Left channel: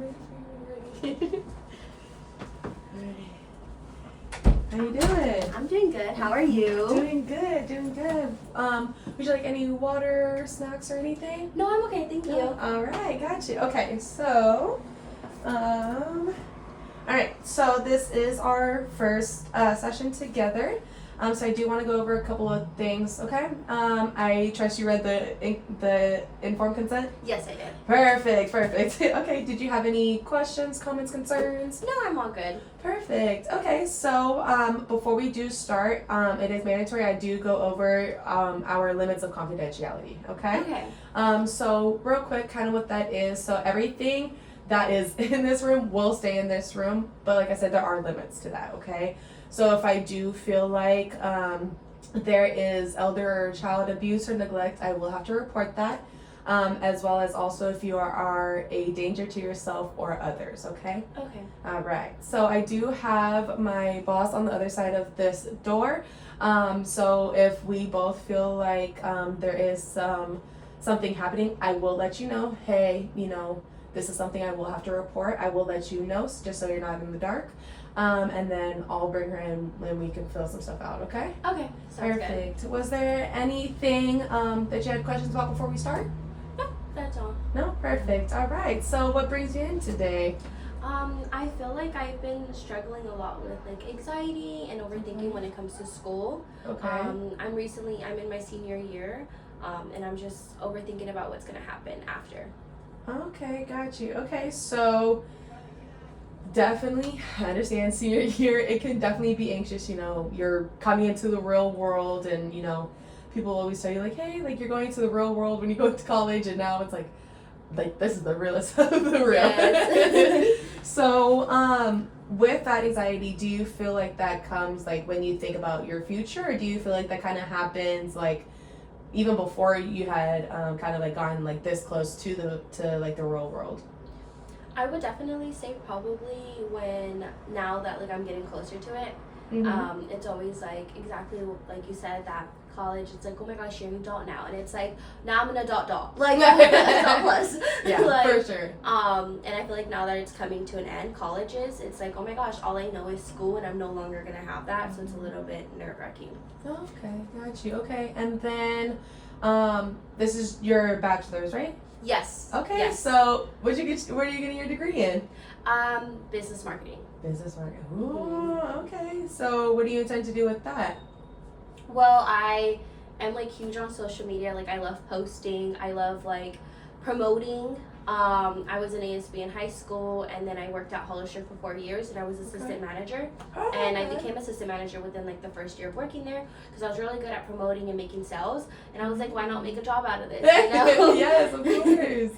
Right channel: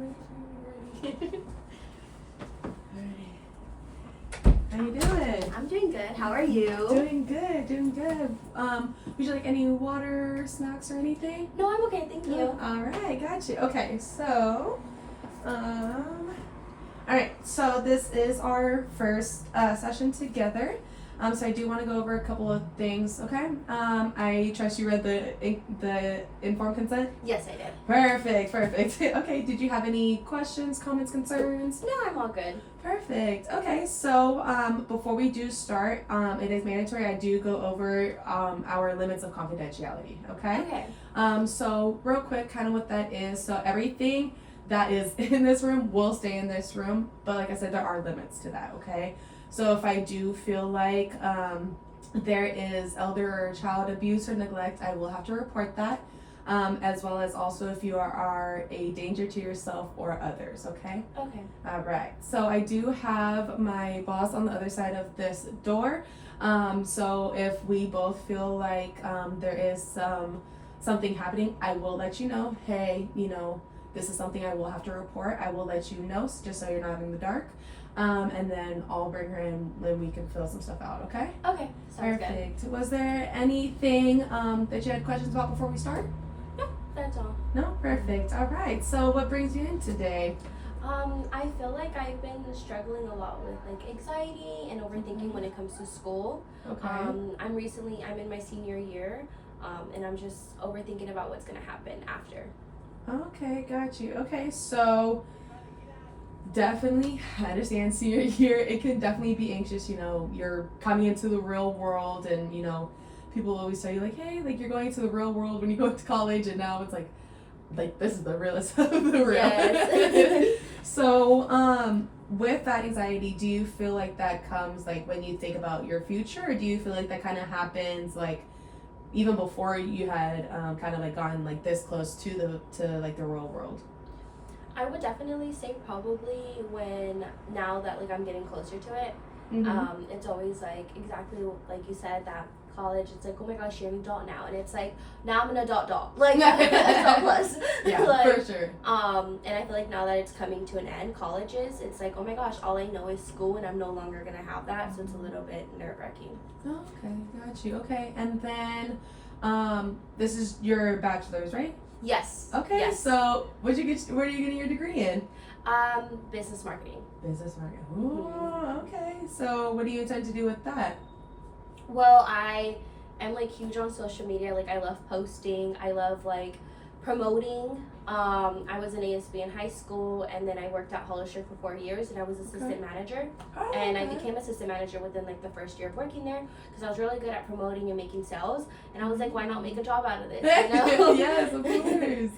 ready. How you doing? I'm doing good. How are you? Doing good. Would you like any water, snacks, or anything? No, I'm okay. Thank you. All right, got you. Okay, so, all right. So this is our first session together. So I do want to go over a couple of things. Okay. I trust you read the informed consent. Yes, I did. Perfect. Okay. Did you have any questions, comments, concerns? No, I'm all good. Perfect. Okay, so before we do start, it is mandatory I do go over our limits of confidentiality, okay? Okay. So real quick, kind of what that is. So everything that is in this room will stay in this room, but like I said, there are limits to that, okay? So if I do feel like there is elder or child abuse or neglect, I will have to report that. As well as also if you are a danger to yourself or others, okay? Okay. All right. So I do have my boss on the other side of this door. So if we both feel like there is something happening, I will let you know. Hey, this is something I will have to report. I will let you know just so you're not in the dark. And then I'll bring her in and we can fill some stuff out, okay? Okay. Sounds Perfect. Was there anything that you had questions about before we start? No, that's all. No? Perfect. All right. So what brings you in today? I feel like I've been struggling a lot with like anxiety and overthinking when it comes to school. Okay. I'm in my senior year, and I'm just overthinking about what's gonna happen after. Okay, got you. Okay, so definitely I understand senior year, it can definitely be anxious, you're coming into the real world and people always tell you like, hey, like you're going into the real world when you go to college, and now it's like this is the realest of the real. Yes. So with that anxiety, do you feel like that comes like when you think about your future, or do you feel like that kind of happens like even before you had kind of like gotten like this close to like the real world? I would definitely say probably now that like I'm getting closer to it. Mm-hmm. It's always like exactly like you said, that college, it's like, oh my gosh, you're an adult now, and it's like now I'm an adult, like adult plus. Yeah, like, for sure. And I feel like now that it's coming to an end, colleges, it's like, oh my gosh, all I know is school and I'm no longer gonna have that, so it's a little bit nerve-wracking. Okay, got you. Okay, and then this is your bachelor's, right? Yes. Okay. Yes. So where are you getting your degree in? Business marketing. Business marketing. Ooh, okay. So what do you intend to do with that? Well, I am like huge on social media. Like I love posting. I love like promoting. I was an ASB in high school, and then I worked at Hollister for 4 years, and I was assistant manager. Oh, and I became assistant manager within like the first year of working there because I was really good at promoting and making sales. And I was like, why not make a job out of this? Yes, of course.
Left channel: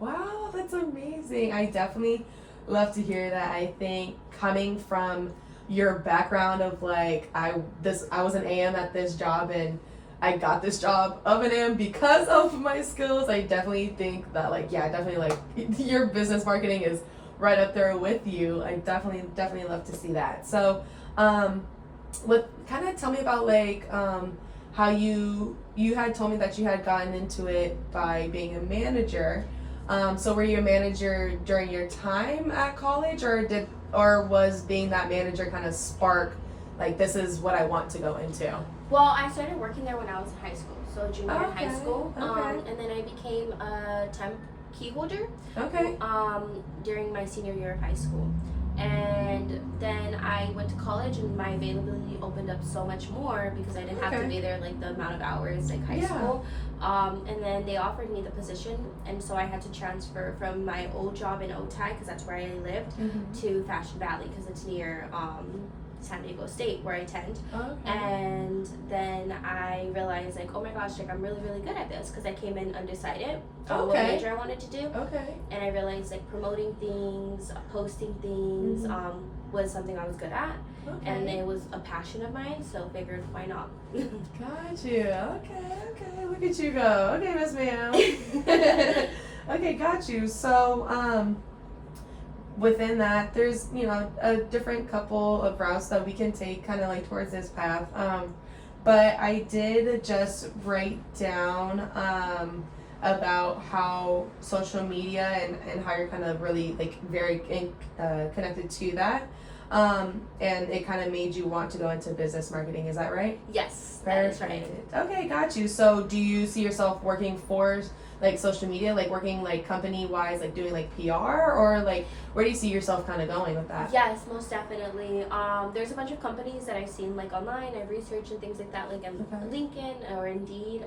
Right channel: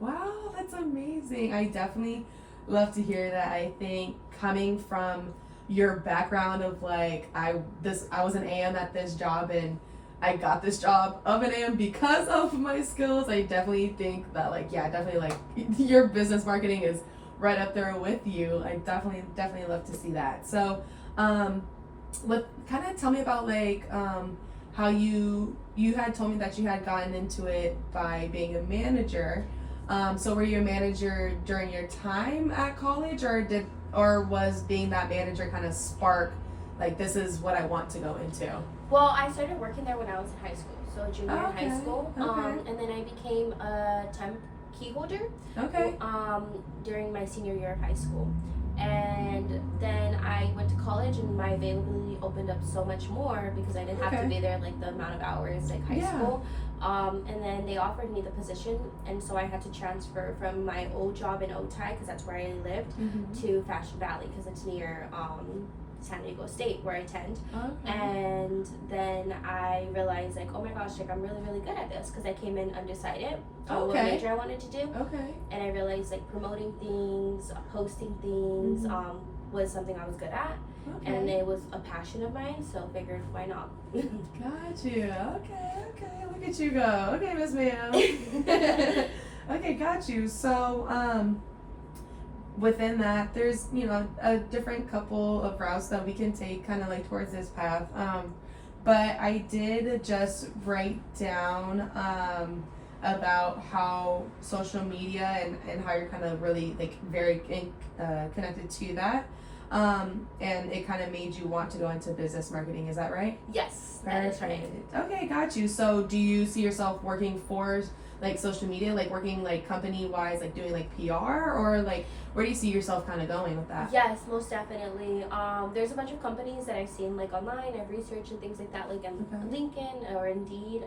Wow, that's amazing. I definitely love to hear that. I think coming from your background of like I was an AM at this job and I got this job of an AM because of my skills. I definitely think that your business marketing is right up there with you. I definitely love to see that. So kind of tell me about like how you had told me that you had gotten into it by being a manager. So were you a manager during your time at college, or was being that manager kind of spark like this is what I want to go into? Well, I started working there when I was in high school, so junior in high school. Okay. And then I became a temp key holder. Okay. During my senior year of high school. And then I went to college, and my availability opened up so much more because I didn't have to be there like the amount of hours like high school. And then they offered me the position, and so I had to transfer from my old job in Otay, because that's where I lived, to Fashion Valley because it's near San Diego State where I attend. And then I realized like, oh my gosh, like I'm really really good at this because I came in undecided on what major I wanted to do. And I realized like promoting things, posting things was something I was good at, and it was a passion of mine, so I figured why not. Got you. Okay, look at you go. Okay, Miss Ma'am. Okay, got you. So within that, there's a different couple of routes that we can take kind of like towards this path. But I did just write down about how social media and how you're kind of really like very connected to that. And it kind of made you want to go into business marketing. Is that right? Yes, that is right. Okay, got you. So do you see yourself working for like social media, like working like company wise, like doing like PR, or like where do you see yourself kind of going with that? Yes, most definitely. There's a bunch of companies that I've seen like online, I've researched and things like that, like on LinkedIn or Indeed.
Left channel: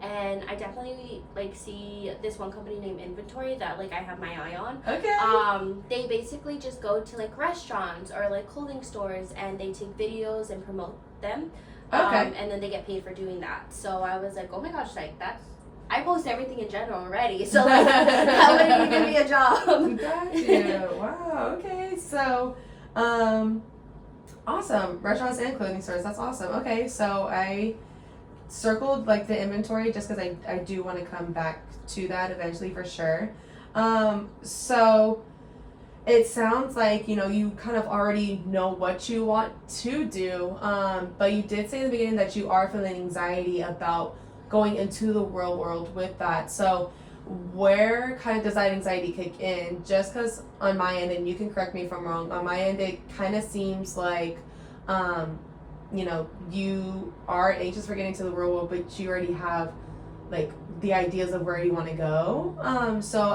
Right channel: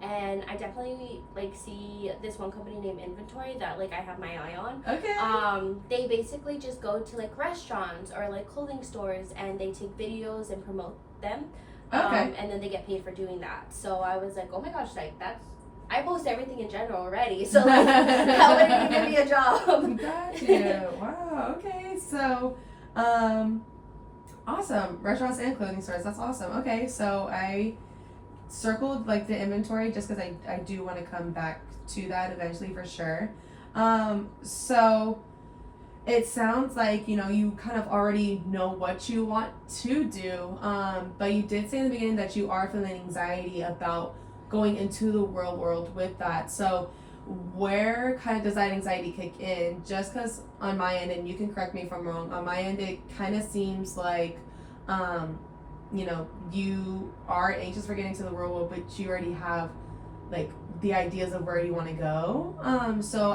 And I definitely like see this one company named Inventory that like I have my eye on. Okay. They basically just go to like restaurants or like clothing stores and they take videos and promote them. Okay. And then they get paid for doing that. So I was like, oh my gosh, like I post everything in general already. So like, how would you give me a job? Got you. Wow. Okay. So, awesome. Restaurants and clothing stores. That's awesome. Okay. So I circled like the inventory just because I do want to come back to that eventually for sure. So it sounds like, you know, you kind of already know what you want to do. But you did say in the beginning that you are feeling anxiety about going into the real world with that. So where kind of does that anxiety kick in? Just because on my end, and you can correct me if I'm wrong, on my end it kind of seems like you know, you are anxious for getting to the real world, but you already have like the ideas of where you want to go. So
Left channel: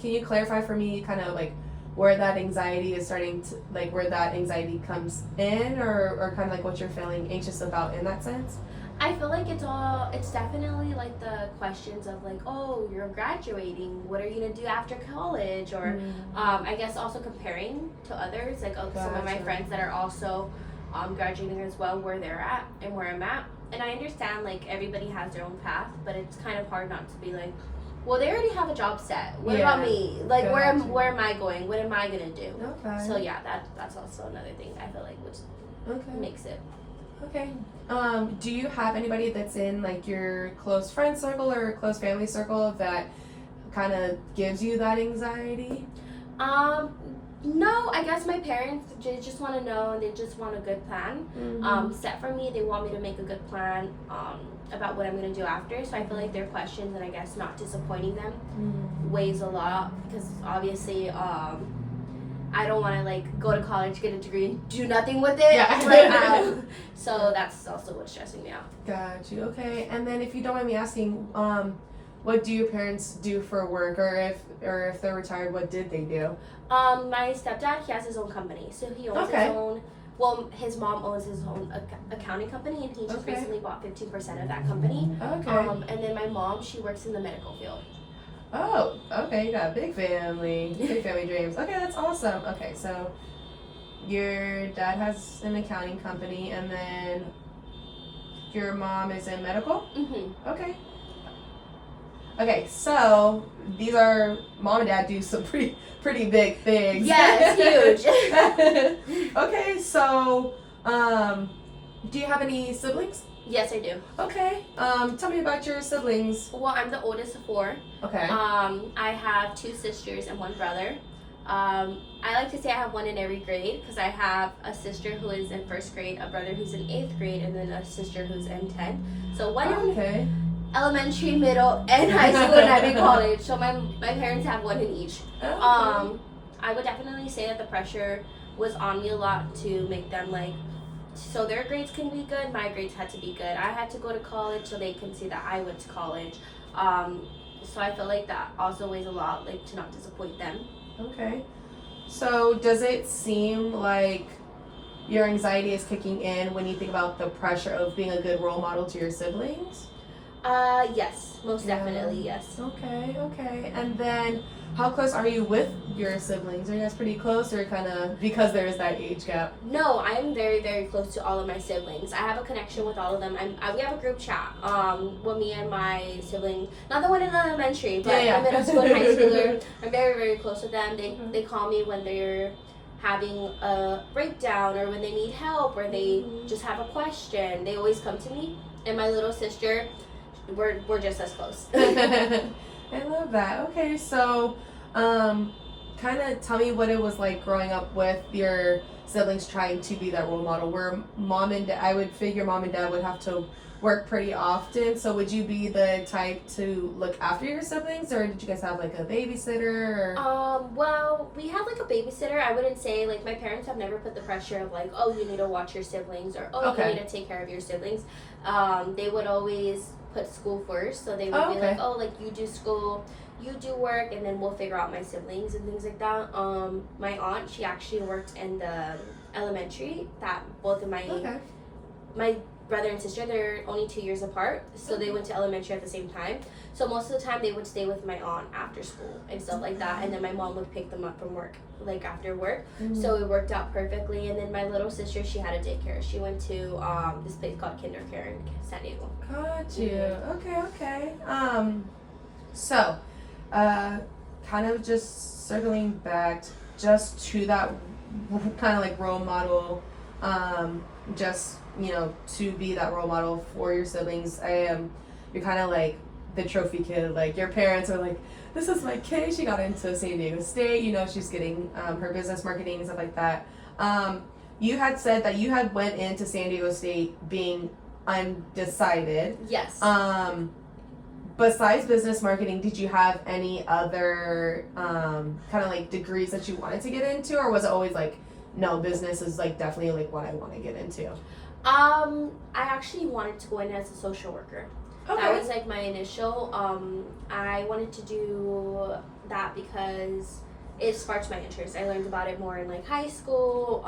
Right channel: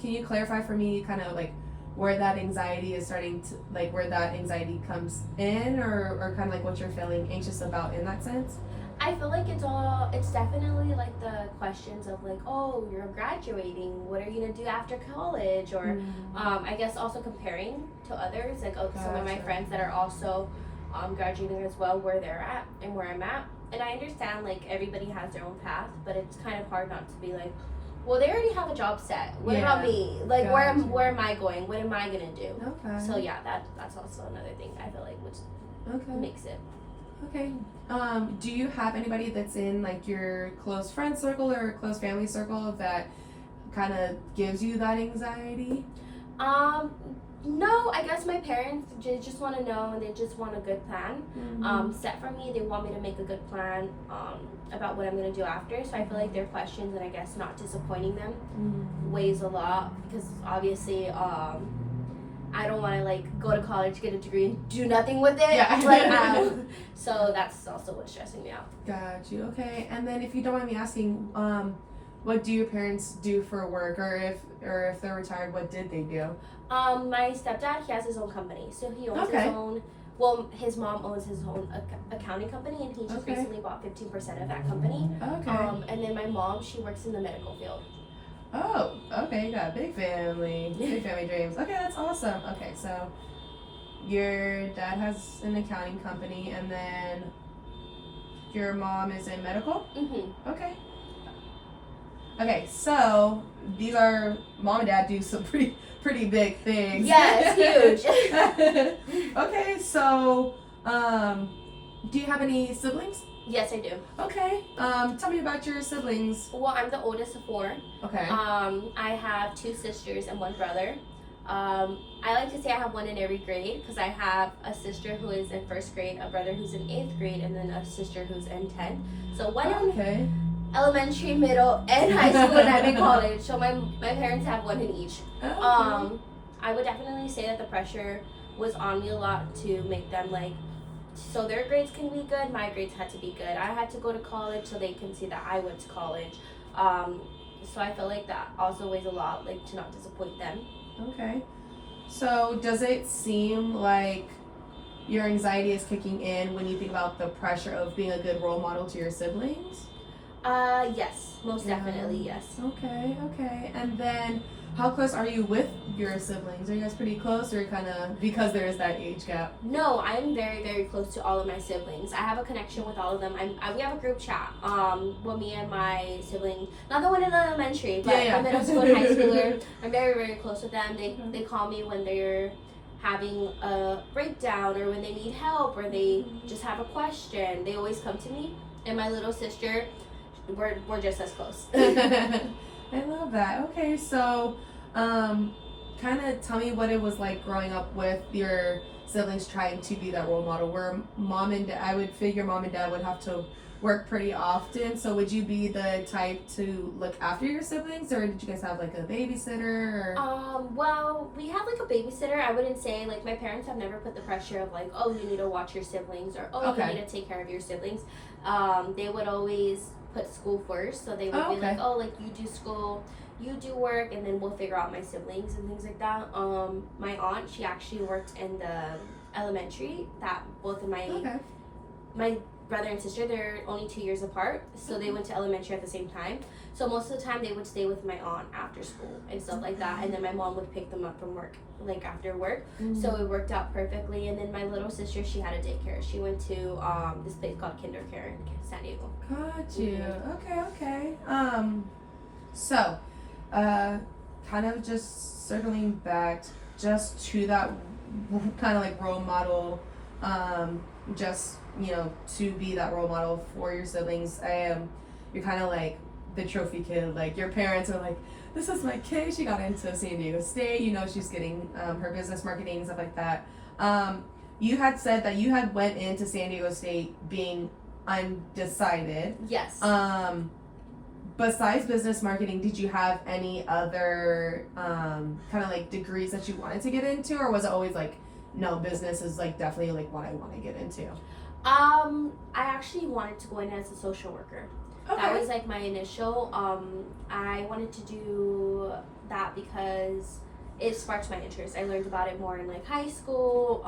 can you clarify for me kind of like where that anxiety is starting to, like where that anxiety comes in, or kind of like what you're feeling anxious about in that sense? I feel like it's definitely like the questions of like, oh, you're graduating, what are you gonna do after college? Or I guess also comparing to others, like some of my friends that are also graduating as well, where they're at and where I'm at. And I understand like everybody has their own path, but it's kind of hard not to be like, well, they already have a job set. What about me? Like, where am I going? What am I gonna do? Okay. So yeah, that's also another thing I feel like which makes it. Okay. Do you have anybody that's in like your close friend circle or close family circle that kind of gives you that anxiety? No, I guess my parents just want to know, and they just want a good plan set for me. They want me to make a good plan about what I'm going to do after. So I feel like their questions and I guess not disappointing them weighs a lot, because obviously I don't want to like go to college, get a degree, and do nothing with it. Yeah. Like, so that's also what's stressing me out. Got you. Okay. And then if you don't mind me asking, what do your parents do for work, or if they're retired, what did they do? My stepdad, he has his own company, so he owns his own. Well, his mom owns his own accounting company, and he just recently bought 15% of that company. Okay. And then my mom, she works in the medical field. Oh, okay. You got a big family dreams. Okay, that's awesome. Okay, so your dad has an accounting company, and then your mom is in medical? Mm-hmm. Okay. Okay, so these are, mom and dad do some pretty big things. Yes, huge. Okay, so do you have any siblings? Yes, I do. Okay. Tell me about your siblings. Well, I'm the oldest of 4. Okay. I have 2 sisters and 1 brother. I like to say I have 1 in every grade, because I have a sister who is in 1st grade, a brother who's in 8th grade, and then a sister who's in 10th. So 1 in elementary, middle, and high school, and every college. So my parents have 1 in each. Okay. I would definitely say that the pressure was on me a lot to make them like, so their grades can be good, my grades had to be good. I had to go to college so they can see that I went to college. So I feel like that also weighs a lot, like to not disappoint them. Okay. So does it seem like your anxiety is kicking in when you think about the pressure of being a good role model to your siblings? Yes, most definitely, yes. Okay. And then how close are you with your siblings? Are you guys pretty close, or kind of because there is that age gap? No, I'm very, very close to all of my siblings. I have a connection with all of them. We have a group chat. Well, me and my sibling, not the one in elementary, but the middle school and high schooler. I'm very, very close with them. They call me when they're having a breakdown, or when they need help, or they just have a question. They always come to me. And my little sister, we're just as close. I love that. Okay, so kind of tell me what it was like growing up with your siblings trying to be that role model, where mom and dad, I would figure mom and dad would have to work pretty often. So would you be the type to look after your siblings, or did you guys have like a babysitter? Or? Well, we have like a babysitter. I wouldn't say like my parents have never put the pressure of like, oh, you need to watch your siblings, or oh, Okay. you need to take care of your siblings. They would always put school first, so they would be Okay. like, oh, like you do school, you do work, and then we'll figure out my siblings and things like that. My aunt, she actually worked in the elementary that both of Okay. my brother and sister, they're only 2 years apart, so they went to elementary at the same time. So most of the time they would stay with my aunt after school and stuff like that, and then my mom would pick them up from work, like after work. So it worked out perfectly. And then my little sister, she had a daycare. She went to this place called Kindercare in San Diego. Got you. Okay. So, kind of just circling back just to that kind of like role model, just, you know, to be that role model for your siblings. You're kind of like the trophy kid. Like your parents are like, this is my kid. She got into San Diego State. You know, she's getting her business marketing and stuff like that. You had said that you had went into San Diego State being undecided. Yes. Besides business marketing, did you have any other kind of like degrees that you wanted to get into, or was it always like, no, business is like definitely like what I want to get into? I actually wanted to go in as a social worker. Okay. That was like my initial. I wanted to do that because it sparked my interest. I learned about it more in like high school.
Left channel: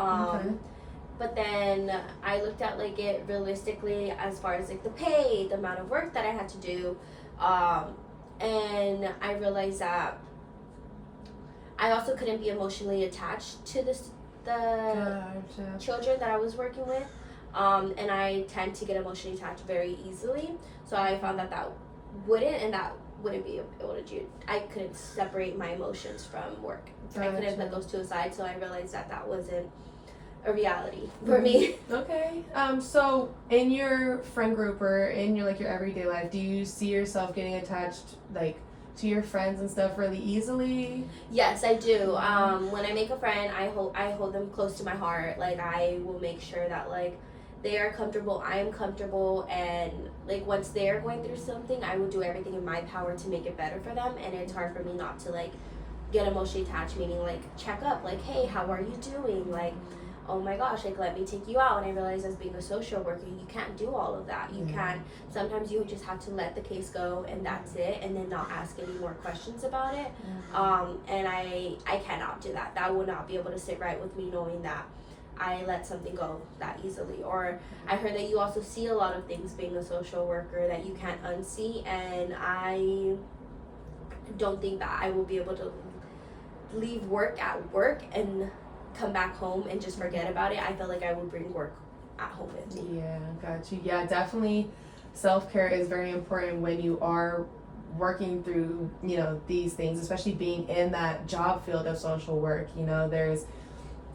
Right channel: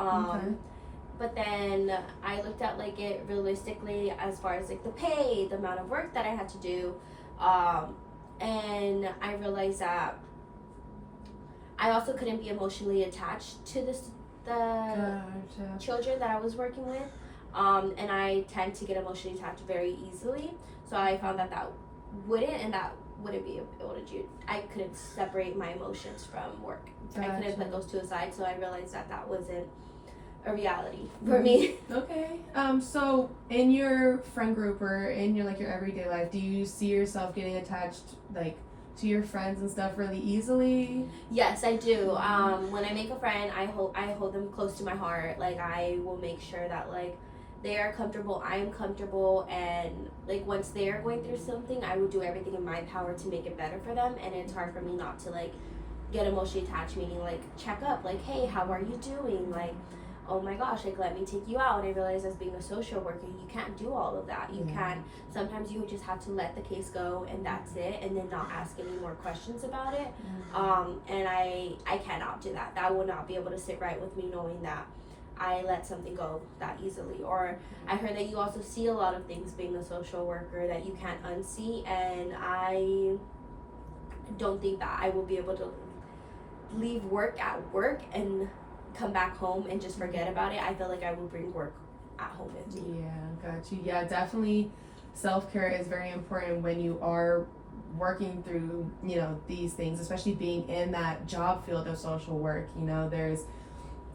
But then I looked at like it realistically as far as like the pay, the amount of work that I had to do, and I realized that I also couldn't be emotionally attached to the Gotcha. children that I was working with, and I tend to get emotionally attached very easily. So I found that wouldn't be able to do. I couldn't separate my emotions from work. Gotcha. I couldn't put those two aside. So I realized that wasn't a reality for me. Okay. So in your friend group or in your like your everyday life, do you see yourself getting attached like to your friends and stuff really easily? Yes, I do. When I make a friend, I hold them close to my heart. Like I will make sure that like they are comfortable, I am comfortable, and like once they are going through something, I would do everything in my power to make it better for them. And it's hard for me not to like get emotionally attached, meaning like check up, like, hey, how are you doing? Like, oh my gosh, like let me take you out. And I realized as being a social worker, you can't do all of that. You can't. Sometimes you just have to let the case go and that's it, and then not ask any more questions about it. And I cannot do that. That would not be able to sit right with me knowing that I let something go that easily. Or I heard that you also see a lot of things being a social worker that you can't unsee, and I don't think that I will be able to leave work at work and come back home and just forget about it. I feel like I would bring work at home with me. Yeah, got you. Yeah, definitely self-care is very important when you are working through, you know, these things, especially being in that job field of social work. You know, there's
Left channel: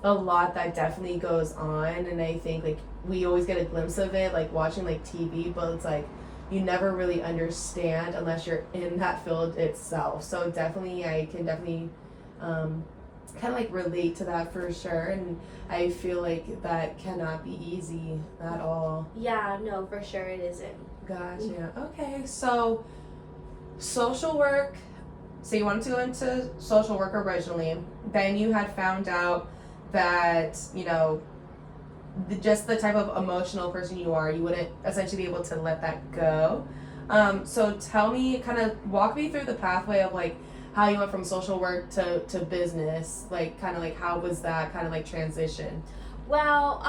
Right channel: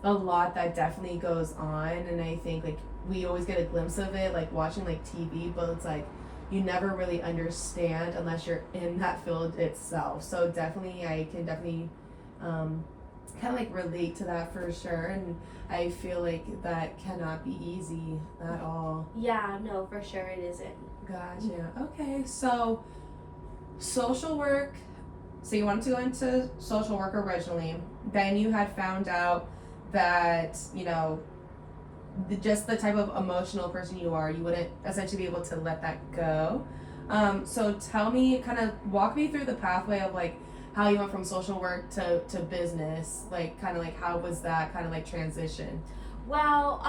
a lot that definitely goes on, and I think like we always get a glimpse of it like watching like TV, but it's like you never really understand unless you're in that field itself. So definitely I can definitely kind of like relate to that for sure, and I feel like that cannot be easy at all. Yeah, no, for sure it isn't. Gotcha. Okay, so social work, so you wanted to go into social work originally, then you had found out that, you know, just the type of emotional person you are, you wouldn't essentially be able to let that go. So tell me, kind of walk me through the pathway of like how you went from social work to business, like kind of like how was that kind of like transition? Well,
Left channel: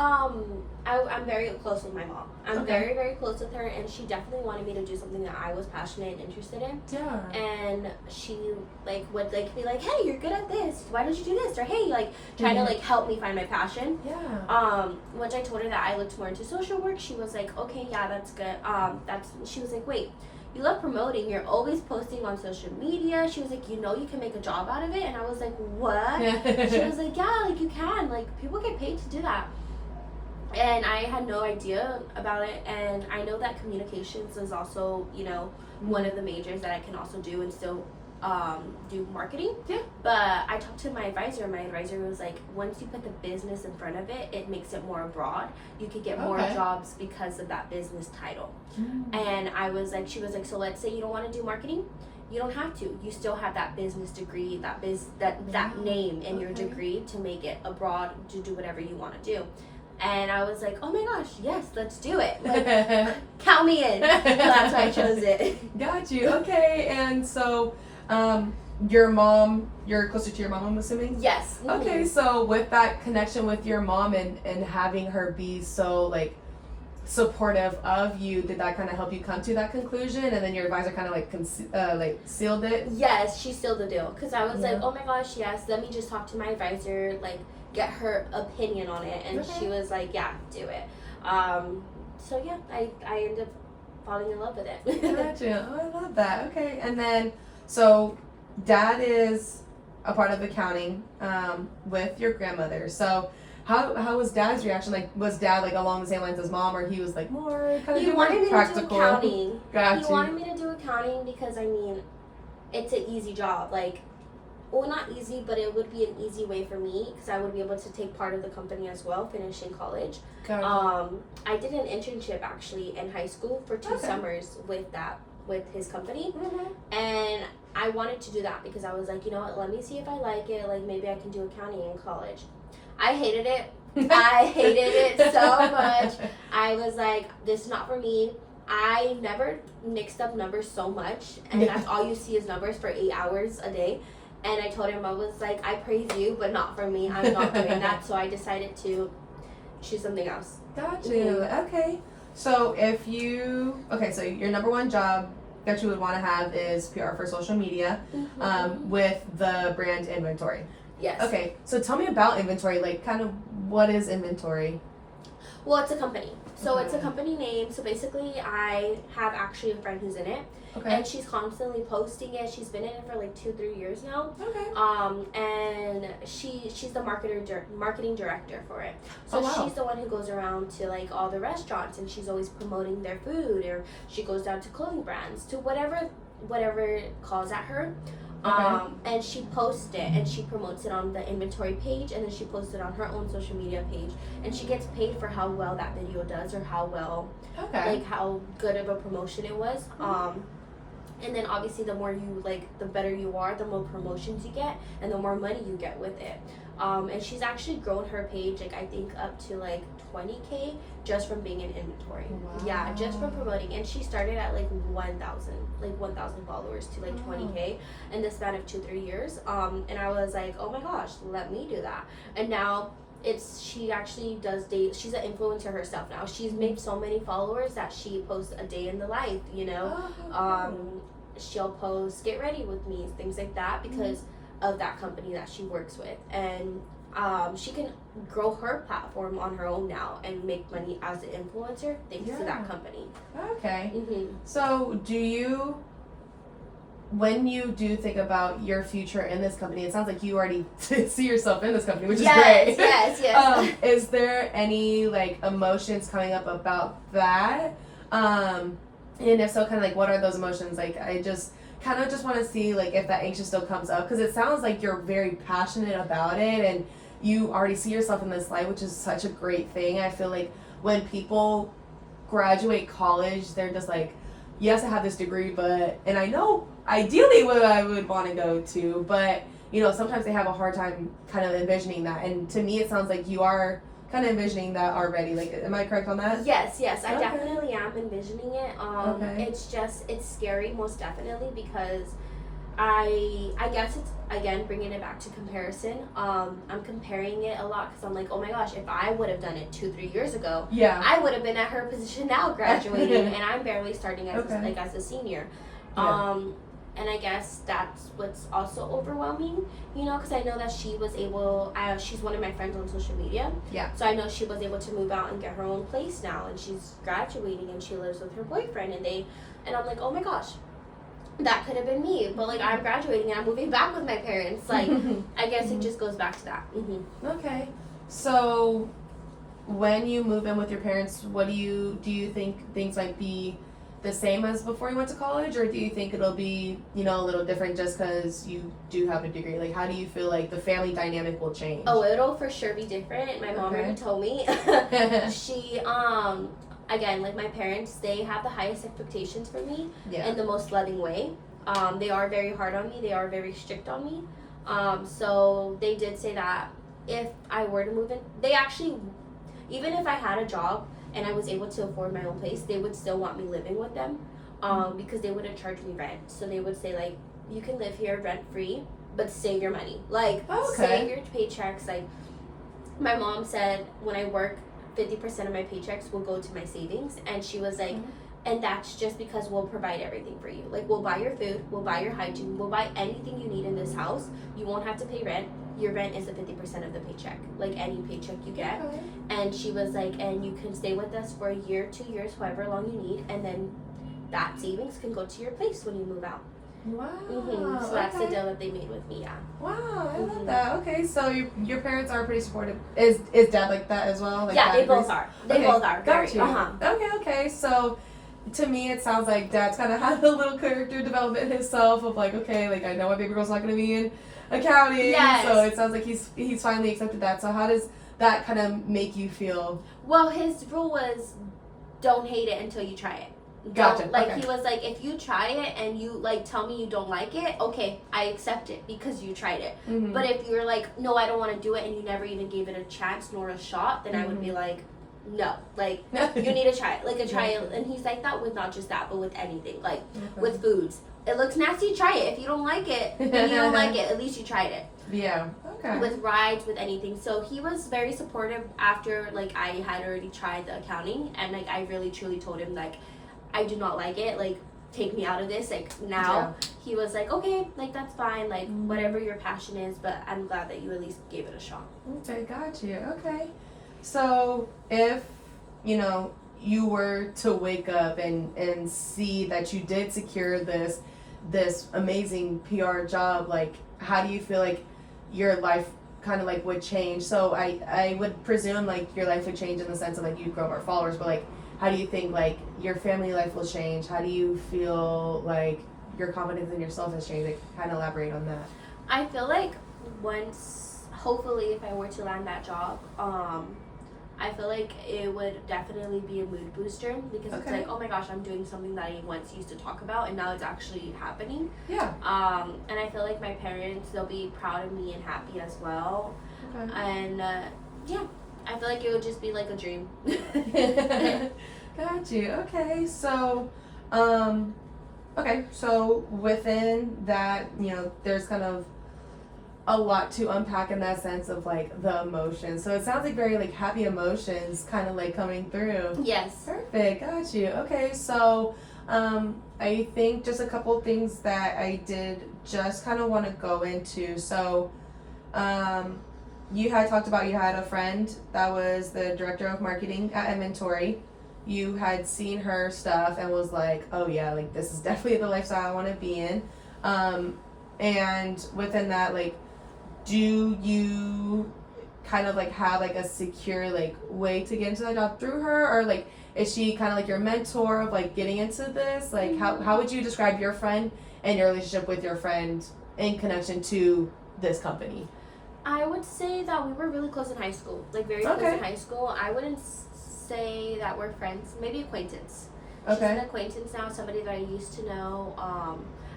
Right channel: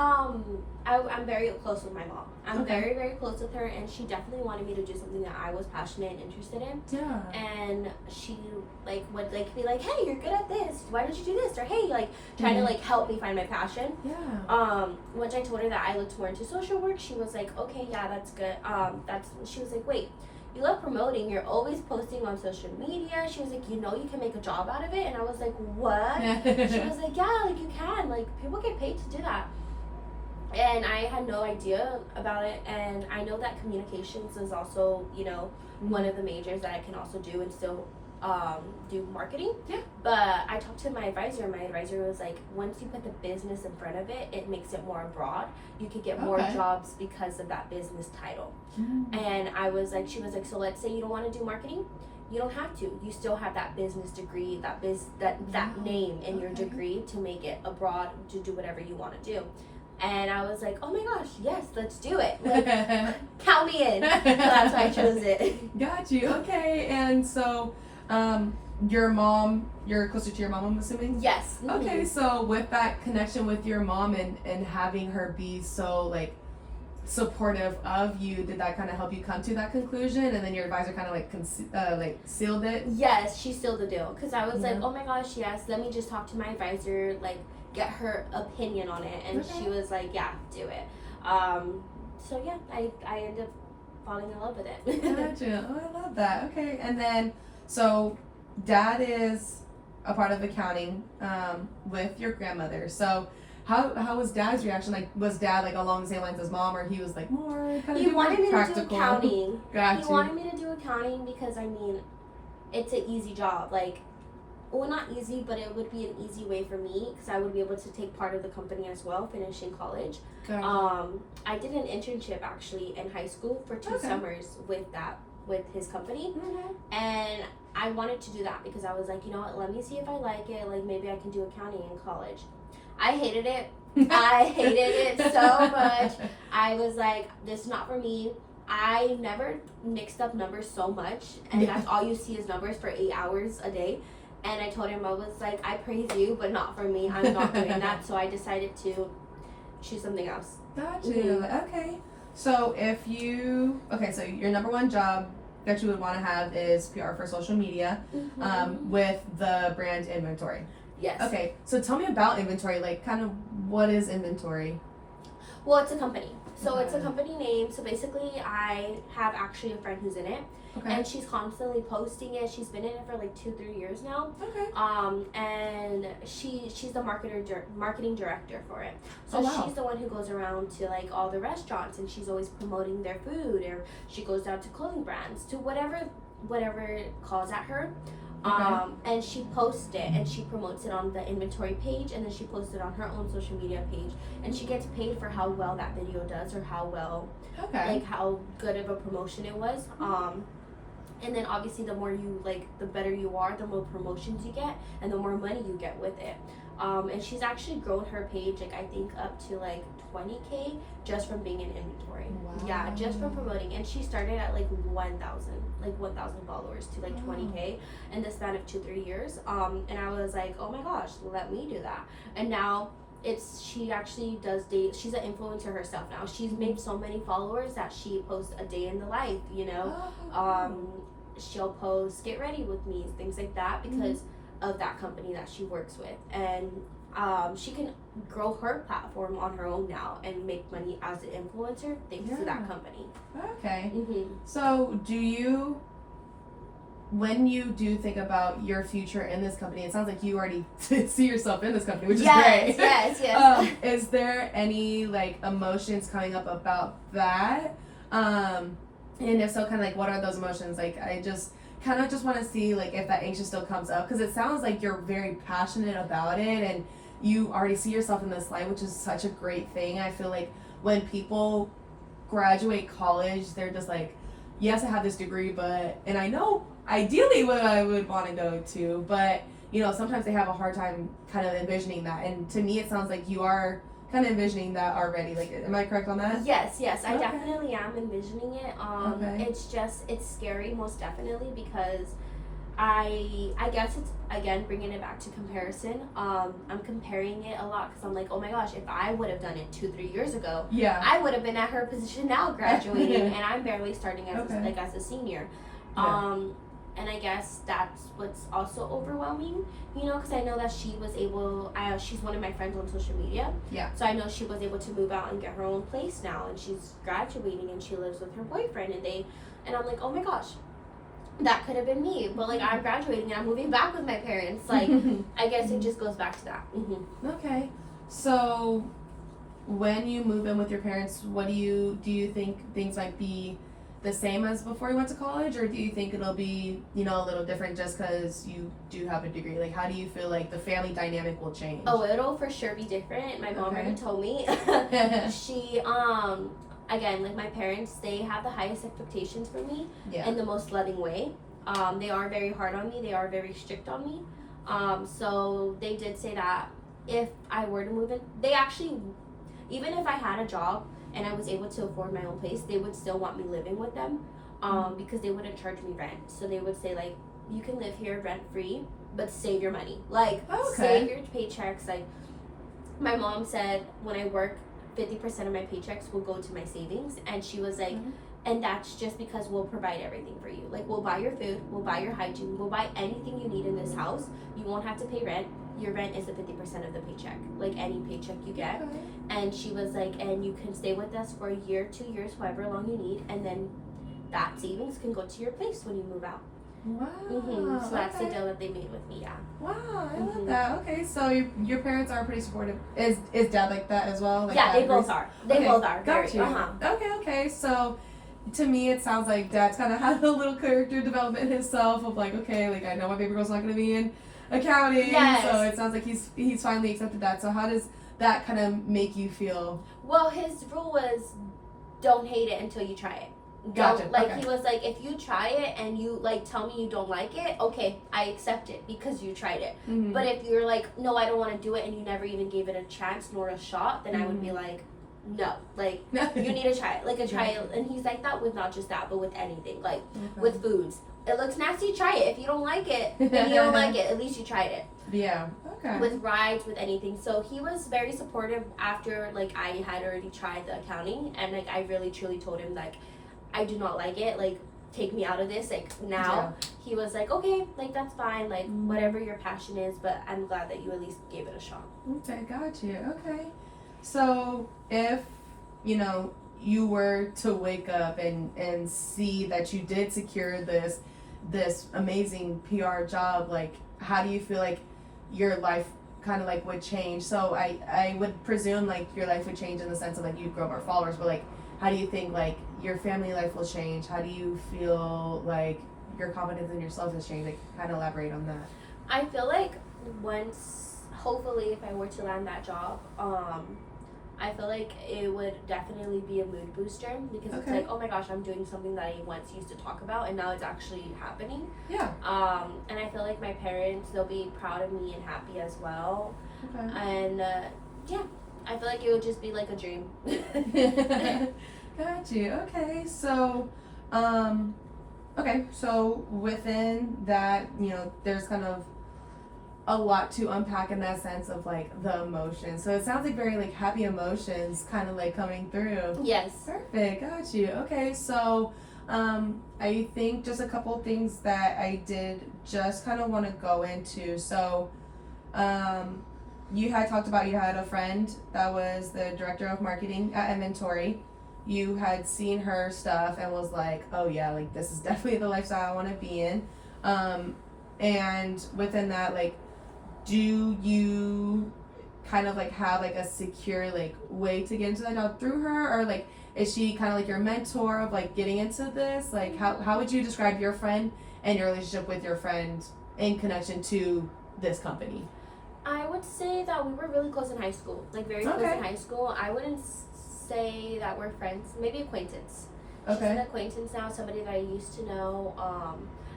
I'm very close with my mom. I'm very, very close with her, and she definitely wanted me to do something that I was passionate and interested in. Yeah. And she like would like be like, hey, you're good at this. Why did you do this? Or hey, like trying to like help me find my passion. Yeah. Once I told her that I looked more into social work, she was like, okay, yeah, that's good. She was like, wait, you love promoting, you're always posting on social media. She was like, you know you can make a job out of it. And I was like, what? She was like, yeah, like you can, like people get paid to do that. And I had no idea about it, and I know that communications is also, you know, one of the majors that I can also do and still do marketing. Yeah. But I talked to my advisor. My advisor was like, once you put the business in front of it, it makes it more broad. You could get more jobs because of that business title. And I was like, she was like, so let's say you don't want to do marketing. You don't have to. You still have that business degree, that name in your degree to make it abroad, to do whatever you want to do. And I was like, oh my gosh, yes, let's do it. Like, count me in. So that's why I chose it. Got you. Okay. And so, your mom, you're closer to your mom, I'm assuming? Yes. Okay. So with that connection with your mom and having her be so like supportive of you, did that kind of help you come to that conclusion? And then your advisor kind of like sealed it? Yes, she sealed the deal. Because I was like, oh my gosh, yes, let me just talk to my advisor, like get her opinion on it. And she was like, yeah, do it. So yeah, I ended up falling in love with it. Gotcha. Oh, I love that. Okay. And then, so dad is a part of accounting with your grandmother. So how was dad's reaction? Like, was dad like along the same lines as mom, or he was like more kind of He wanted me practical? to do accounting. Gotcha. He wanted me to do accounting because, I mean, it's an easy job. Like, well, not easy, but it would be an easy way for me because I would be able to take part of the company as well, finishing college. Gotcha. I did an internship actually in high school for 2 summers with his company, and I wanted to do that because I was like, you know what, let me see if I like it. Like, maybe I can do accounting in college. I hated it. I hated it so much. I was like, this is not for me. I never mixed up numbers so much, and that's all you see is numbers for 8 hours a day. And I told him, I was like, I praise you, but not for me. I'm not doing that. So I decided to choose something else. Got you. Okay. So so your number one job that you would want to have is PR for social media, with the brand inventory. Yes. Okay. So tell me about inventory. Like, kind of what is inventory? Well, it's a company. So it's a company name. So basically, I have actually a friend who's in it. Okay. And she's constantly posting it. She's been in it for like 2-3 years now. Okay. And she's the marketing director for it. So she's the one who goes around to like all the restaurants, and she's always promoting their food, or she goes down to clothing brands, to whatever calls at her. And she posts it and she promotes it on the inventory page, and then she posts it on her own social media page, and she gets paid for how well that video does, or how well, like how good of a promotion it was. And then obviously the more you the better you are, the more promotions you get, and the more money you get with it. And she's actually grown her page, like I think up to like 20K just from being in inventory. Wow. Yeah, just from promoting. And she started at like 1,000 followers to like 20K in the span of 2-3 years. And I was like, oh my gosh, let me do that. And now she actually does she's an influencer herself now. She's made so many followers that she posts a day in the life, you know. She'll post get ready with me, things like that, because of that company that she works with. And she can grow her platform on her own now and make money as an influencer thanks to that company. Okay. So when you do think about your future in this company, it sounds like you already see yourself in this company, which is great. Yes. Is there any like emotions coming up about that? And if so, kind of like what are those emotions? Like, I just kind of just want to see like if that anxious still comes up, because it sounds like you're very passionate about it and you already see yourself in this light, which is such a great thing. I feel like when people graduate college, they're just like, yes, I have this degree, and I know ideally what I would want to go to, but you know, sometimes they have a hard time kind of envisioning that. And to me, it sounds like you are kind of envisioning that already. Like, am I correct on that? Yes, I definitely am envisioning it. It's scary, most definitely, because I guess it's, again, bringing it back to comparison. I'm comparing it a lot because I'm like, oh my gosh, if I would have done it 2-3 years ago, I would have been at her position now, graduating, and I'm barely starting as a senior. And I guess that's what's also overwhelming, you know, because I know that she was able, she's one of my friends on social media. Yeah. So I know she was able to move out and get her own place now, and she's graduating and she lives with her boyfriend, and I'm like, oh my gosh, that could have been me. But like, I'm graduating and I'm moving back with my parents. Like, I guess it just goes back to that. Okay. So when you move in with your parents, what do you think things might be the same as before you went to college, or do you think it'll be, you know, a little different just because you do have a degree? Like, how do you feel like the family dynamic will change? Oh, it'll for sure be different. My mom already told me. She, again, like my parents, they have the highest expectations for me in the most loving way. They are very hard on me. They are very strict on me. So they did say that if I were to move in, they actually, even if I had a job and I was able to afford my own place, they would still want me living with them, because they wouldn't charge me rent. So they would say, like, you can live here rent free, but save your money. Like, save your paychecks. Like, my mom said when I work, 50% of my paychecks will go to my savings. And she was like, and that's just because we'll provide everything for you. Like, we'll buy your food, we'll buy your hygiene, we'll buy anything you need in this house. You won't have to pay rent. Your rent is the 50% of the paycheck, like any paycheck you get. And she was like, and you can stay with us for a year, 2 years, however long you need, and then that savings can go to your place when you move out. Wow. So that's the deal that they made with me. Yeah. Wow, I love that. Okay, so your parents are pretty supportive. Is dad like that as well? Like, yeah, they both are. They both are. Got Very. you. Okay. So to me, it sounds like dad's kind of had a little character development himself of like, okay, like I know my baby girl's not going to be in accounting. Yes. So it sounds like he's finally accepted that. So how does that kind of make you feel? Well, his rule was, don't hate it until you try it. Gotcha. He was like, if you try it and you like tell me you don't like it, okay, I accept it because you tried it. But if you're like, no, I don't want to do it, and you never even gave it a chance nor a shot, then I would be like, no, like you need to try it, like a trial. And he's like that with not just that, but with anything, like with foods. It looks nasty, try it. If you don't like it, then you don't like it. At least you tried it. Yeah. Okay. With rides, with anything. So he was very supportive after like I had already tried the accounting, and like I really truly told him like, I do not like it, like take me out of this, like now. He was like, okay, like that's fine, like whatever your passion is, but I'm glad that you at least gave it a shot. Okay, got you. Okay, so if you know you were to wake up and see that you did secure this amazing PR job, like how do you feel like your life kind of like would change? So I would presume like your life would change in the sense of like you'd grow more followers, but like how do you think like your family life will change? How do you feel like your confidence in yourself has changed? Like, kind of elaborate on that. I feel like once, hopefully, if I were to land that job, I feel like it would definitely be a mood booster because it's like, oh my gosh, I'm doing something that I once used to talk about and now it's actually happening. Yeah. And I feel like my parents, they'll be proud of me and happy as well. And yeah. I feel like it would just be like a dream. Got you. Okay, so, so within that, you know, there's kind of a lot to unpack in that sense of like the emotions. So it sounds like very like happy emotions kind of like coming through. Yes. Perfect. Got you. Okay, so, I think just a couple things that I did just kind of want to go into. So, you had talked about you had a friend that was the director of marketing at Inventory. You had seen her stuff and was like, oh yeah, like this is definitely the lifestyle I want to be in. And within that, like, do you kind of like have like a secure like way to get into that job through her, or like is she kind of like your mentor of like getting into this? Like how would you describe your friend and your relationship with your friend in connection to this company? I would say that we were really close in high school, like very close in high school. I wouldn't say that we're friends, maybe acquaintance. She's an acquaintance now, somebody that I used to know.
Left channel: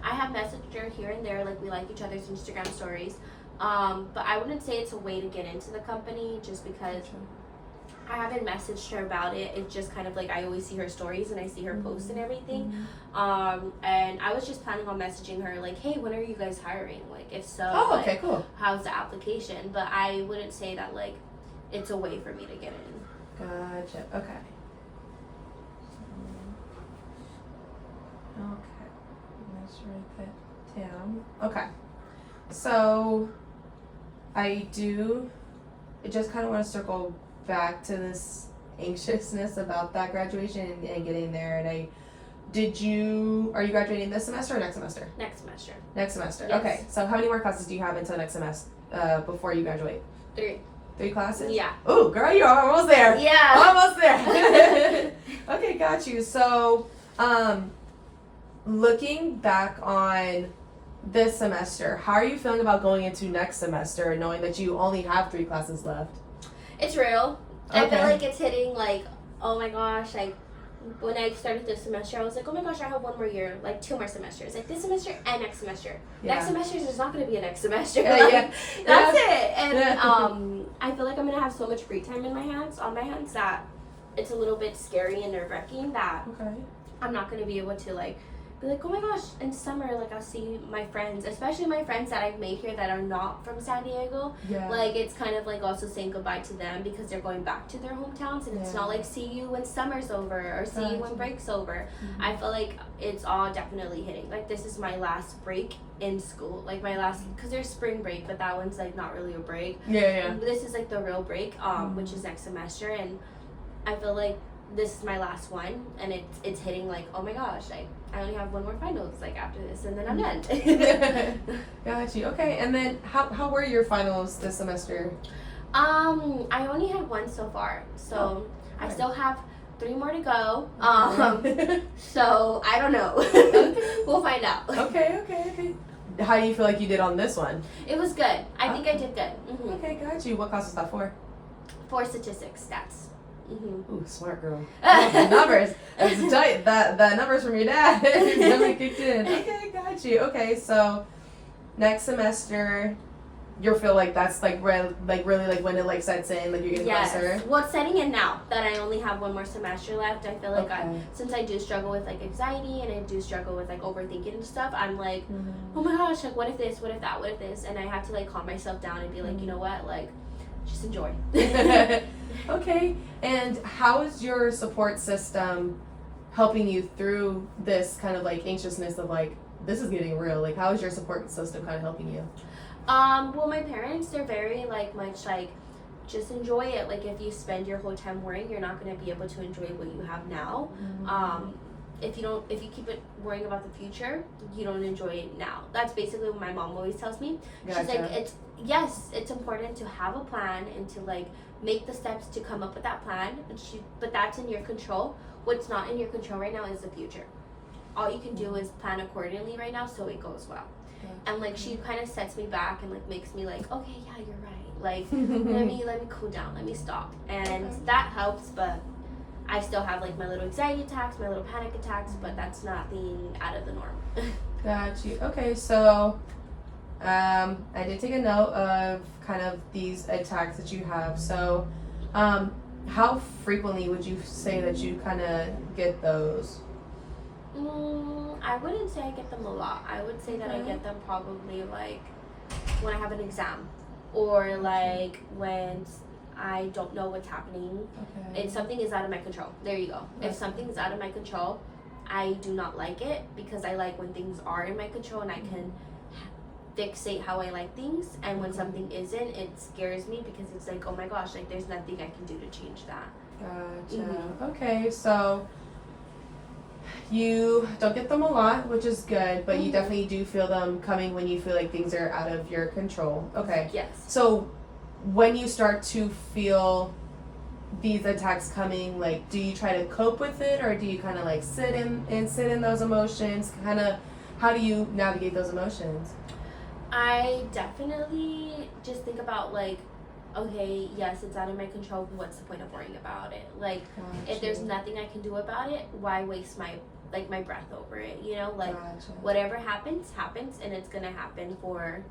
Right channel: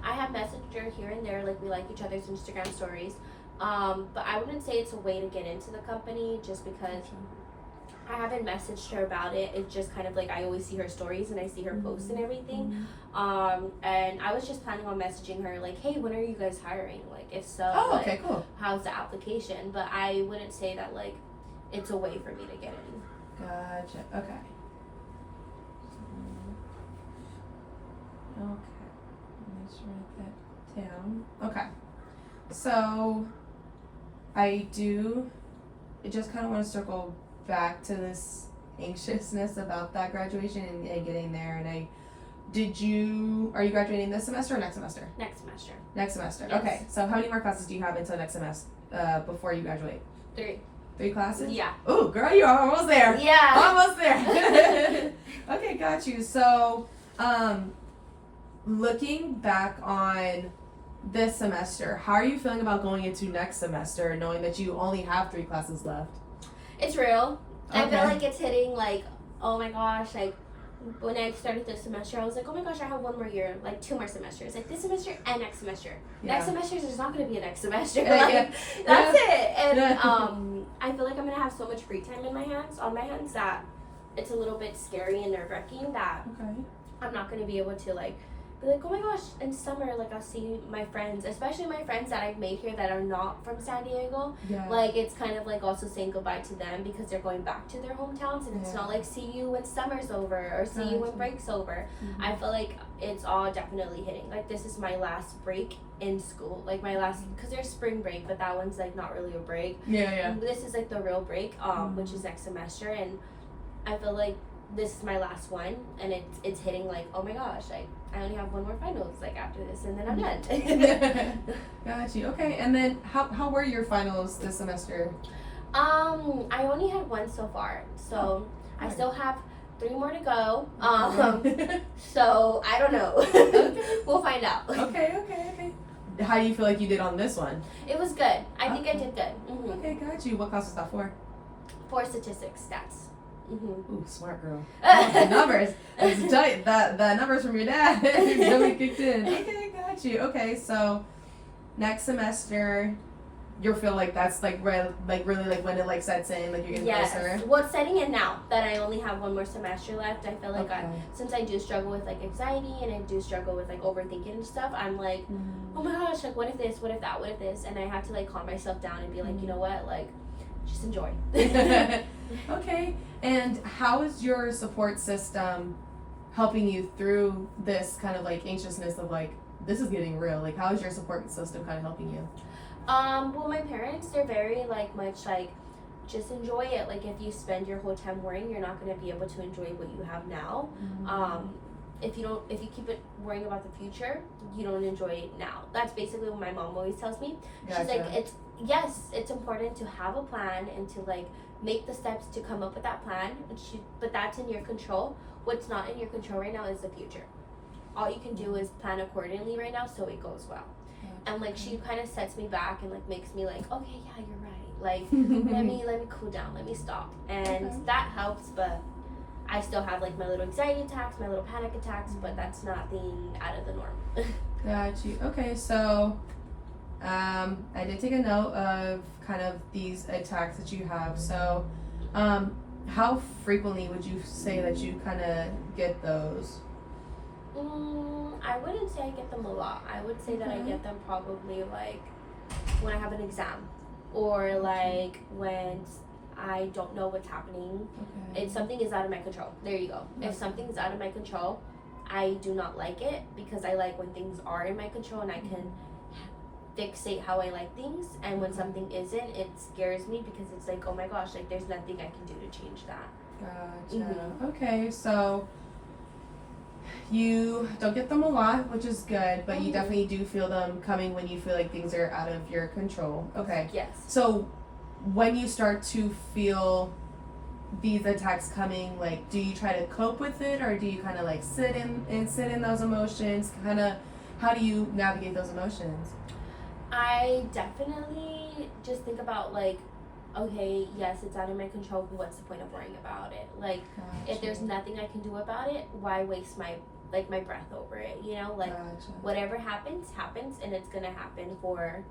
I have messaged her here and there, like we like each other's Instagram stories. But I wouldn't say it's a way to get into the company just because I haven't messaged her about it. It's just kind of like I always see her stories and I see her posts and everything. And I was just planning on messaging her like, hey, when are you guys hiring? Like, if so, cool. How's the application? But I wouldn't say that like it's a way for me to get in. Gotcha. Okay. Let's write that down. Okay. So I just kind of want to circle back to this anxiousness about that graduation and getting there. And are you graduating this semester or next semester? Next semester. Next semester. Yes. Okay. So how many more classes do you have until next semester before you graduate? 3. 3 classes? Yeah. Oh, girl, you're almost there. Yeah. Almost there. Okay, got you. So, Looking back on this semester, how are you feeling about going into next semester, knowing that you only have 3 classes left? It's real. I Okay. feel like it's hitting, like, oh my gosh, like, when I started this semester, I was like, oh my gosh, I have 1 more year, like 2 more semesters, like this semester and next semester. Yeah. Next semester is not going to be a next semester. Yeah, Like, yeah. that's it. And Yeah. I feel like I'm going to have so much free time on my hands that it's a little bit scary and nerve-wracking that Okay. I'm not going to be able to, like, be like, oh my gosh, in summer, like, I'll see my friends, especially my friends that I've made here that are not from San Diego. Yeah. Like, it's kind of like also saying goodbye to them because they're going back to their hometowns, and it's Yeah. not like see you when summer's over or see you when Gotcha. break's over. Mhm. I feel like it's all definitely hitting. Like, this is my last break in school. Like, my last, because there's spring break, but that one's, like, not really a break. Yeah. This is, like, the real break, which is next semester, and I feel like this is my last one, and it's hitting, like, oh my gosh, I only have 1 more finals, like, after this, and then I'm done. Got you. Okay, and then how were your finals this semester? I only had 1 so far, so I still have 3 more to go. So I don't know. We'll find out. Okay. How do you feel like you did on this one? It was good. I think I did good. Okay, got you. What class was that for? For statistics, stats. Ooh, smart girl. The numbers. I was tell you the numbers from your dad. Really kicked in. Okay, got you. Okay, so next semester, you feel like that's like really like when it like sets in, like you're getting closer. Well, it's setting in now that I only have 1 more semester left. I feel like Okay. since I do struggle with like anxiety and I do struggle with like overthinking and stuff, I'm like, oh my gosh, like what if this, what if that, what if this, and I have to like calm myself down and be like, you know what, like just enjoy. Okay, and how is your support system helping you through this kind of like anxiousness of like this is getting real? Like how is your support system kind of helping you? Well, my parents, they're very like much like just enjoy it. Like if you spend your whole time worrying, you're not going to be able to enjoy what you have now. If you keep it worrying about the future, you don't enjoy it now. That's basically what my mom always tells me. Gotcha. She's like, it's important to have a plan and to like make the steps to come up with that plan, but that's in your control. What's not in your control right now is the future. All you can do is plan accordingly right now so it goes well. And like she kind of sets me back and like makes me like, okay, yeah, you're right, like let me cool down, let me stop, and that helps. But I still have like my little anxiety attacks, my little panic attacks, but that's nothing out of the norm. Got you. Okay, so I did take a note of kind of these attacks that you have. So how frequently would you say that you kind of get those? I wouldn't say I get them a lot. I would say that I get them probably like when I have an exam or like when I don't know what's happening. If something is out of my control. There you go. If something is out of my control, I do not like it because I like when things are in my control and I can fixate how I like things. And when something isn't, it scares me because it's like, oh my gosh, like there's nothing I can do to change that. Gotcha. Okay, so you don't get them a lot, which is good, but you definitely do feel them coming when you feel like things are out of your control. Okay. Yes. So when you start to feel these attacks coming, like do you try to cope with it or do you kind of like sit in those emotions? Kind of how do you navigate those emotions? I definitely just think about like, okay, yes, it's out of my control, but what's the point of worrying about it? Like, if there's nothing I can do about it, why waste my breath over it? You know, like whatever happens, and it's gonna happen for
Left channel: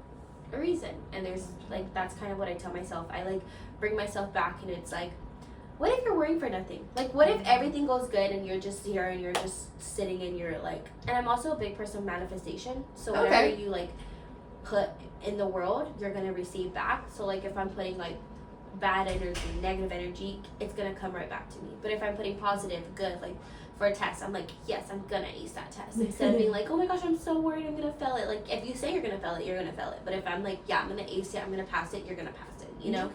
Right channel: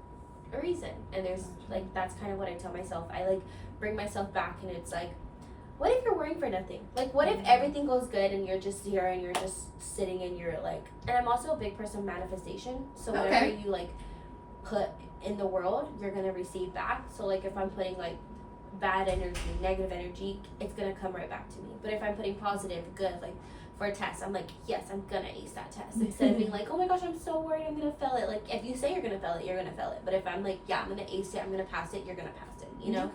a reason. And there's like that's kind of what I tell myself. I like bring myself back, and it's like, what if you're worrying for nothing? Like, what if everything goes good and you're just here and you're just sitting and you're like, and I'm also a big person of manifestation, so whatever you like put in the world, you're gonna receive back. So like if I'm putting like bad energy, negative energy, it's gonna come right back to me. But if I'm putting positive, good, like for a test, I'm like, yes, I'm gonna ace that test. Instead of being like, oh my gosh, I'm so worried I'm gonna fail it. Like if you say you're gonna fail it, you're gonna fail it. But if I'm like, yeah, I'm gonna ace it, I'm gonna pass it, you're gonna pass it, you know?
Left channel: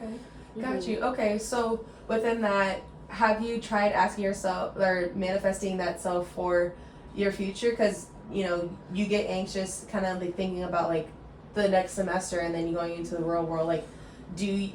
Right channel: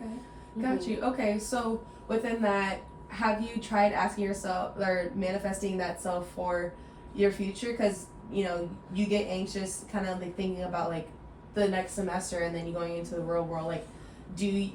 Got you. Okay, so within that, have you tried asking yourself or manifesting that self for your future? Because you know you get anxious kind of like thinking about like the next semester and then you going into the real world. Like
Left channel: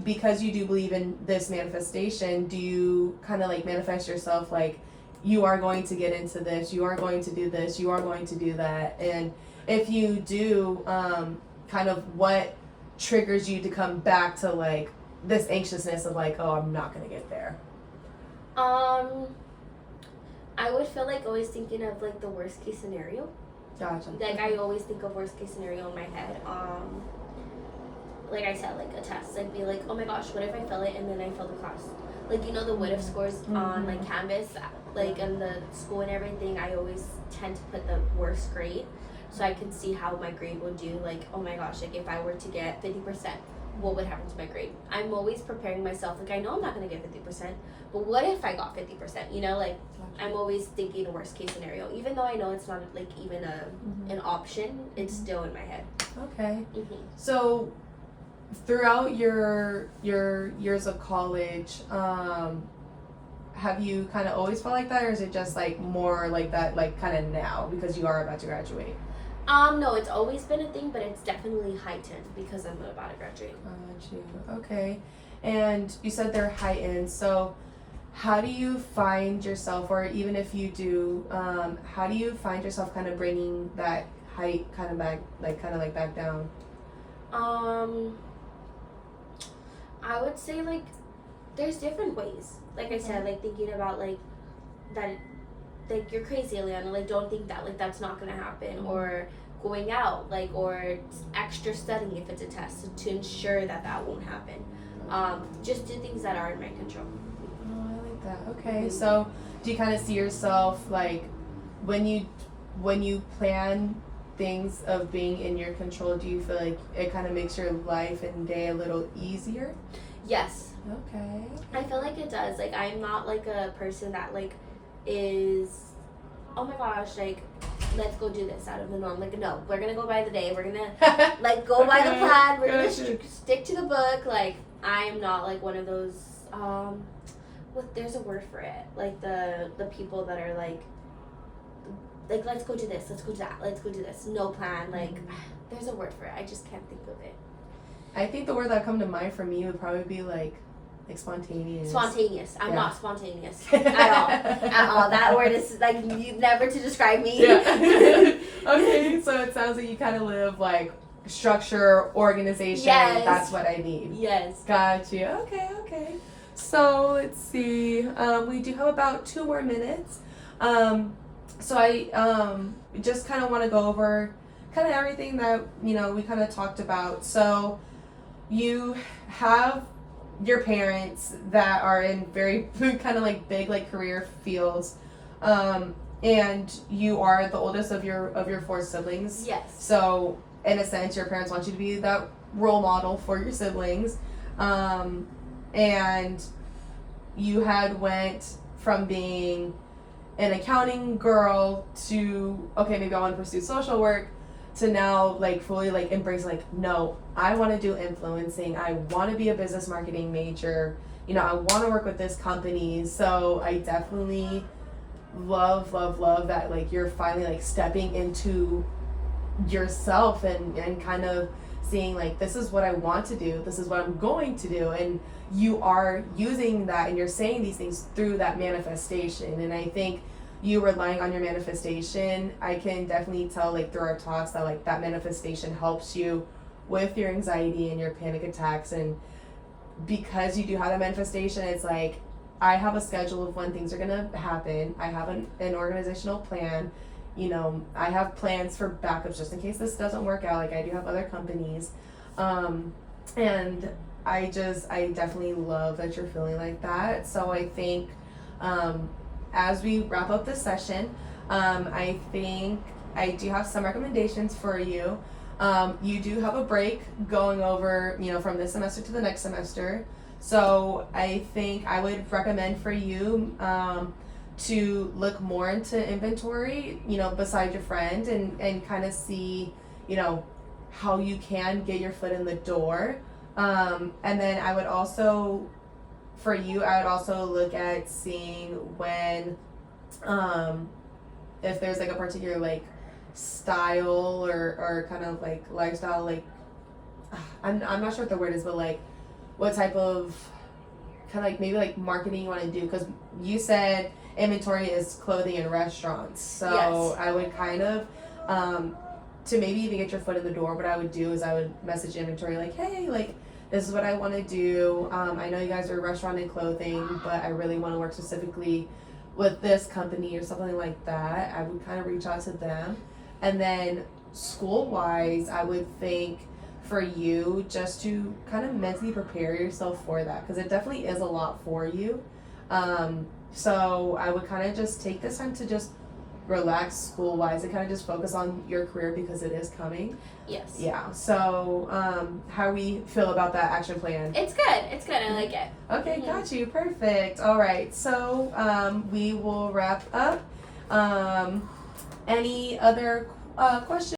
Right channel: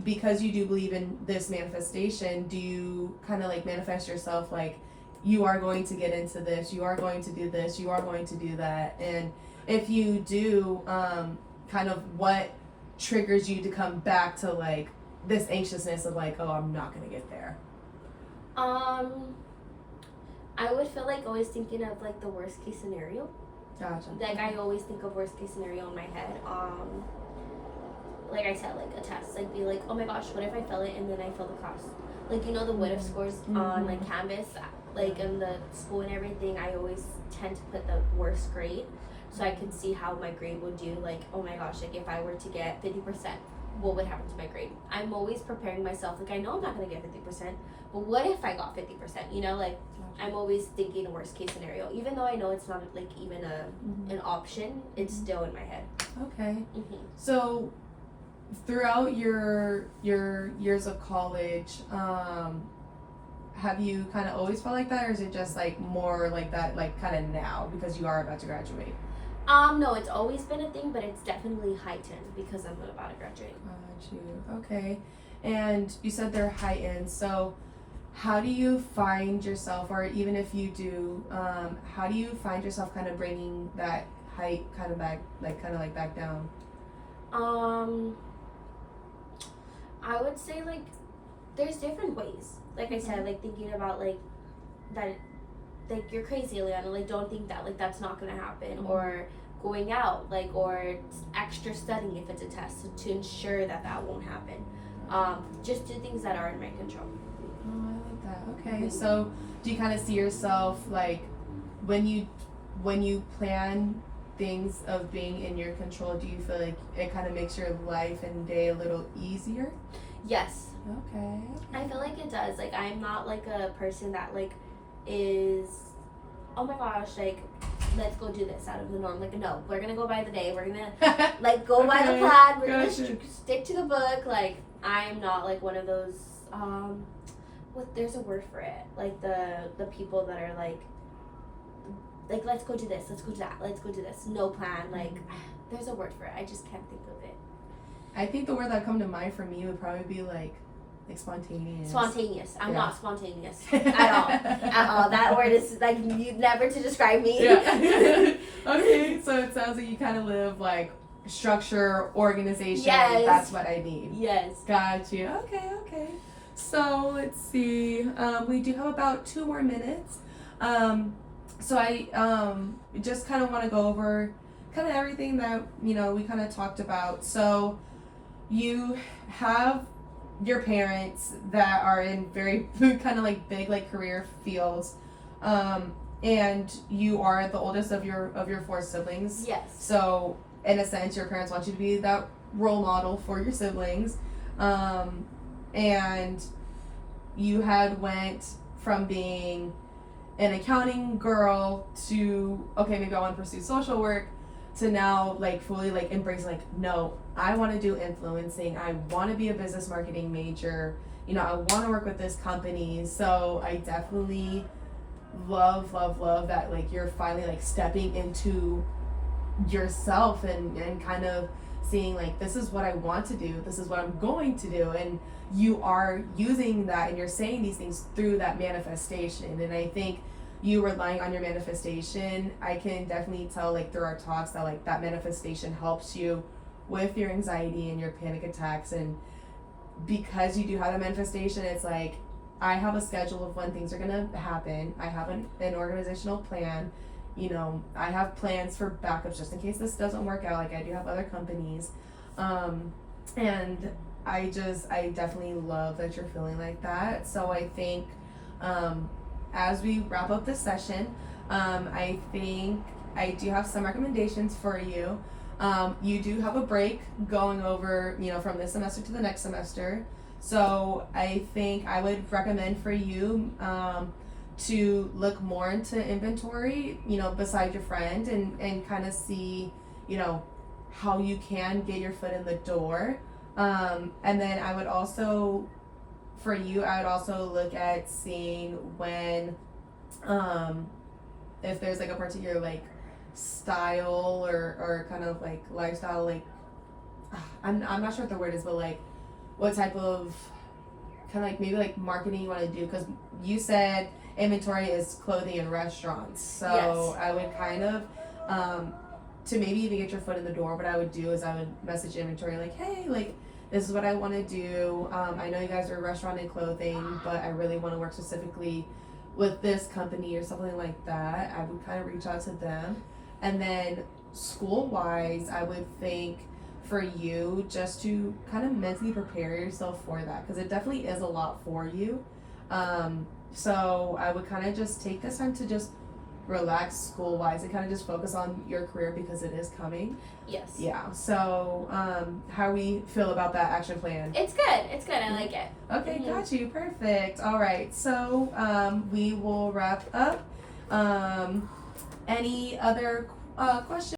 because you do believe in this manifestation, do you kind of like manifest yourself like you are going to get into this, you are going to do this, you are going to do that. And if you do, kind of what triggers you to come back to like this anxiousness of like, oh, I'm not gonna get there? I would feel like always thinking of like the worst case scenario. Gotcha. Like I always think of worst case scenario in my head. Like I said, like a test, like be like, oh my gosh, what if I fail it and then I fail the class? Like, you know, the what if scores on like Canvas, like in the school and everything, I always tend to put the worst grade so I can see how my grade would do. Like, oh my gosh, like if I were to get 50%, what would happen to my grade? I'm always preparing myself. Like I know I'm not gonna get 50%, but what if I got 50%? You know, like I'm always thinking a worst case scenario, even though I know it's not like even an option. It's still in my head. Okay. So throughout your years of college, have you kind of always felt like that, or is it just like more like that, like kind of now because you are about to graduate? No, it's always been a thing, but it's definitely heightened because I'm about to graduate. Okay. And you said they're heightened, so how do you find yourself, or even if you do, how do you find yourself kind of bringing that height kind of back, like kind of like back down? I would say like there's different ways. Like I said, like thinking about like that, like you're crazy, Eliana. Like don't think that, like that's not gonna happen. Or going out, like, or extra studying if it's a test to ensure that that won't happen. Just do things that are in my control. Oh, I like that. Okay, so do you kind of see yourself like when you plan things of being in your control, do you feel like it kind of makes your life and day a little easier? Yes. Okay. I feel like it does. Like I'm not like a person that like is, oh my gosh, like let's go do this out of the norm. Like no, we're gonna go by the day. We're gonna like go by the plan. We're gonna stick to the book. Like I'm not like one of those. There's a word for it. Like the people that are like let's go do this, let's go do that, let's go do this. No plan. Like there's a word for it. I just can't think of it. I think the word that come to mind for me would probably be like spontaneous. Spontaneous. I'm not spontaneous at all. At all. That word is like never to describe me. Yeah. Okay, so it sounds like you kind of live like structure, organization. Yes. That's what I need. Yes. Got you. Okay. So let's see. We do have about 2 more minutes. So I just kind of want to go over kind of everything that we kind of talked about. So you have your parents that are in very kind of like big like career fields, and you are the oldest of your 4 siblings. Yes. So in a sense, your parents want you to be that role model for your siblings, and you had went from being an accounting girl to, okay, maybe I want to pursue social work, to now like fully like embrace like, no, I want to do influencing. I want to be a business marketing major. I want to work with this company. So I definitely love that like you're finally like stepping into yourself and kind of seeing like, this is what I want to do. This is what I'm going to do. And you are using that and you're saying these things through that manifestation. And I think you relying on your manifestation, I can definitely tell like through our talks that like that manifestation helps you with your anxiety and your panic attacks. And because you do have a manifestation, it's like I have a schedule of when things are gonna happen. I have an organizational plan. I have plans for backups just in case this doesn't work out. Like I do have other companies, and I definitely love that you're feeling like that. So I think as we wrap up this session, I think I do have some recommendations for you. You do have a break going over, from this semester to the next semester. So I think I would recommend for you to look more into inventory, beside your friend and kind of see, how you can get your foot in the door. And then I would also, for you, I would also look at seeing when, if there's like a particular like style or kind of like lifestyle, like I'm not sure what the word is, but like what type of kind of like maybe like marketing you want to do, because you said inventory is clothing and restaurants. So Yes. I would kind of, to maybe even get your foot in the door, what I would do is I would message inventory like, hey, like, this is what I want to do. I know you guys are restaurant and clothing, but I really want to work specifically with this company or something like that. I would kind of reach out to them. And then school-wise, I would think for you just to kind of mentally prepare yourself for that, because it definitely is a lot for you. So I would kind of just take this time to just relax school-wise and kind of just focus on your career because it is coming. Yes. Yeah. So how do we feel about that action plan? It's good. It's good. I like it. Okay, got you. Perfect. All right. So we will wrap up. Any other questions?